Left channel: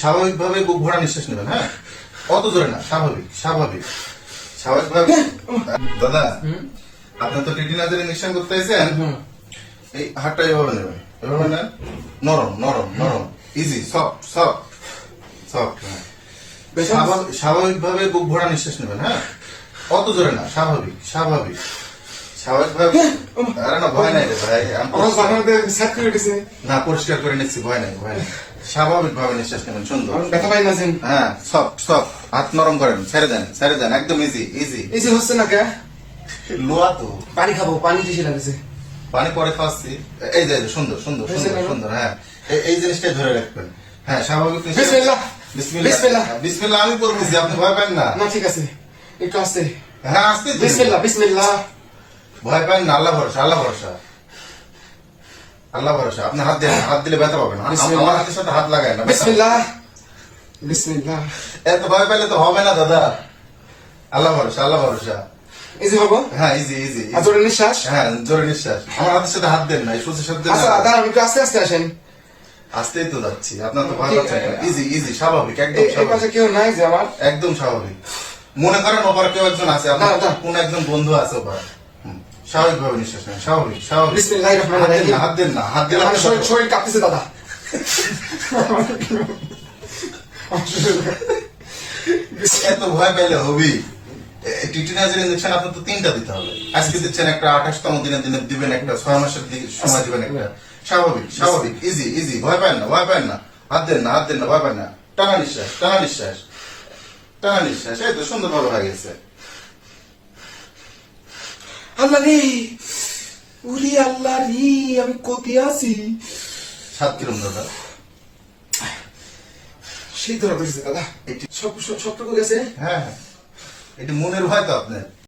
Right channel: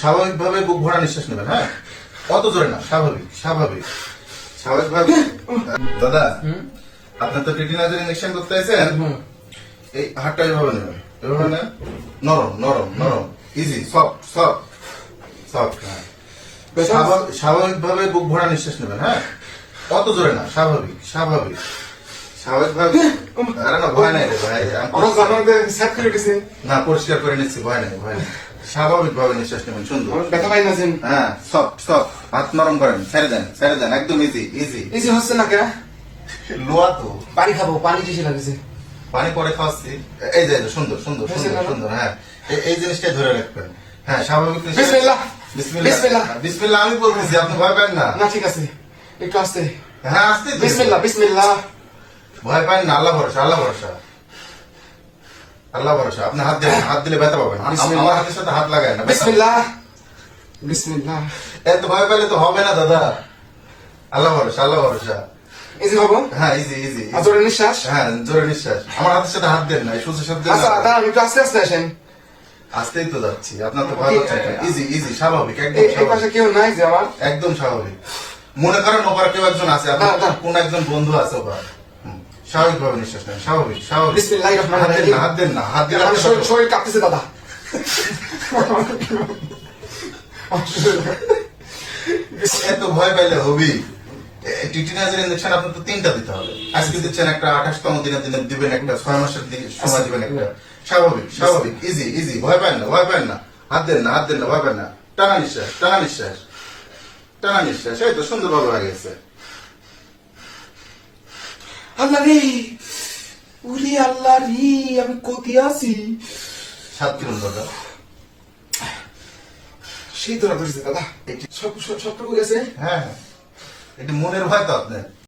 স্বাভাবিকভাবে বুক ভরা নিঃশ্বাস নেবেন। হ্যাঁ, অত জোরে না, স্বাভাবিক স্বাভাবিক স্বাভাবিকভাবে। দাদা, আপনি তো টিটিনাজের ইঞ্জেকশন করতে আইছেন, এই হাতটা এভাবে নেবেন, এভাবে নেন, নরম নরম নরম, ইজি, সফট সফট সফট। স্বাভাবিকভাবে বুক ভরা নিঃশ্বাস নেবেন। হ্যাঁ, অত জোরে না, স্বাভাবিক স্বাভাবিক স্বাভাবিকভাবে। আরে না, ভয় নাই ভাই, না পরিষ্কার করে নিচ্ছি, ভয় নাই ভয় নাই। স্বাভাবিক ভাবে নিঃশ্বাস নেবেন, সুন্দর। ব্যথা পাই না সেন। হ্যাঁ, সফট সফট, হাত নরম করেন, ছেড়ে দেন, একদম ইজি ইজি। এই যে হচ্ছে না কে? লোয়া তো পানি খাবো, পানি বেশি লাগছে। পানি পরে খাওয়াচ্ছি। এই যে সুন্দর সুন্দর সুন্দর সুন্দর। হ্যাঁ, এই জিনিসটাই ধরে রাখবেন। হ্যাঁ, স্বাভাবিক নিঃশ্বাস। বিসমিল্লাহ বিসমিল্লাহ বিসমিল্লাহ বিসমিল্লাহ। আমি বলতেছি, আপনি ভয় পান না। না, ঠিক আছে, একটু আসতে। হ্যাঁ, আসতে বিসমিল্লাহ বিসমিল্লাহ। ভয় পান না, আল্লাহ ভরসা আল্লাহ ভরসা আল্লাহ ভরসা। আপনি হাত দিলে, হাত দিলে ব্যথা পাবেন। আমার হাতের সাথে হাত লাগায় না, ব্যথা পাবেন। বিসমিল্লাহ বিসমিল্লাহ। এত ভয় পেলে তো হবে না দাদা, আল্লাহ ভরসা আল্লাহ ভরসা। এই যে হবো। হ্যাঁ, ইজি ইজি। আর জোরে নিঃশ্বাস। হ্যাঁ, জোরে নিঃশ্বাস। আমার হাতের সাথে হাত দেন না, এই সুযোগ সাথে আচ্ছা দাঁড়ান, একটু আস্তে আস্তে আসেন। আসতেই তো যাচ্ছি, আপনার তো ভয় পাচ্ছেন। ইজি ইজি, স্বাভাবিক, একদম এই পাশে স্বাভাবিক, কেউ নাই যে আমার? একদম স্বাভাবিক। মনে করেন ওপরে কেউ একজন আছে, আপনার না, না। কোন একজন বন্ধু আছে ওপরে। স্বাভাবিক ভাবে নিঃশ্বাস নেন, স্বাভাবিক স্বাভাবিক। বিসমিল্লাহির রহমানির হাত দেন রহিম। না, হাত দেন না, হাত দিলে আমার শরীর কাঁপতেছে দাদা। এত ভয় পাইলে হবি। টিটিনাজের ইঞ্জেকশন আপনার তো 3টা দিতে হবে। আজকে দিচ্ছেন একটা, 28তম দিনে দিবেন একটা, 6 মাসের সময় দিবেন একটা। স্বাভাবিক স্বাভাবিক, ইজি ইজি, ভয় পান না ভয় পান না। হাত দেন না, হাত দেন না, ভয় পান না। টানা নিঃশ্বাস টানা নিঃশ্বাস টানা নিঃশ্বাস। এই তো সুন্দর ভাবে হয়ে গেছে। আল্লাহ রে, উরি আল্লাহ রে, আমি কোথায় আছি? 7 কিলো দাদা। সেই ধরা ধরেছে দাদা। সব সব করে গেছে। হ্যাঁ হ্যাঁ, এটি মনের ভয় তো আপনার।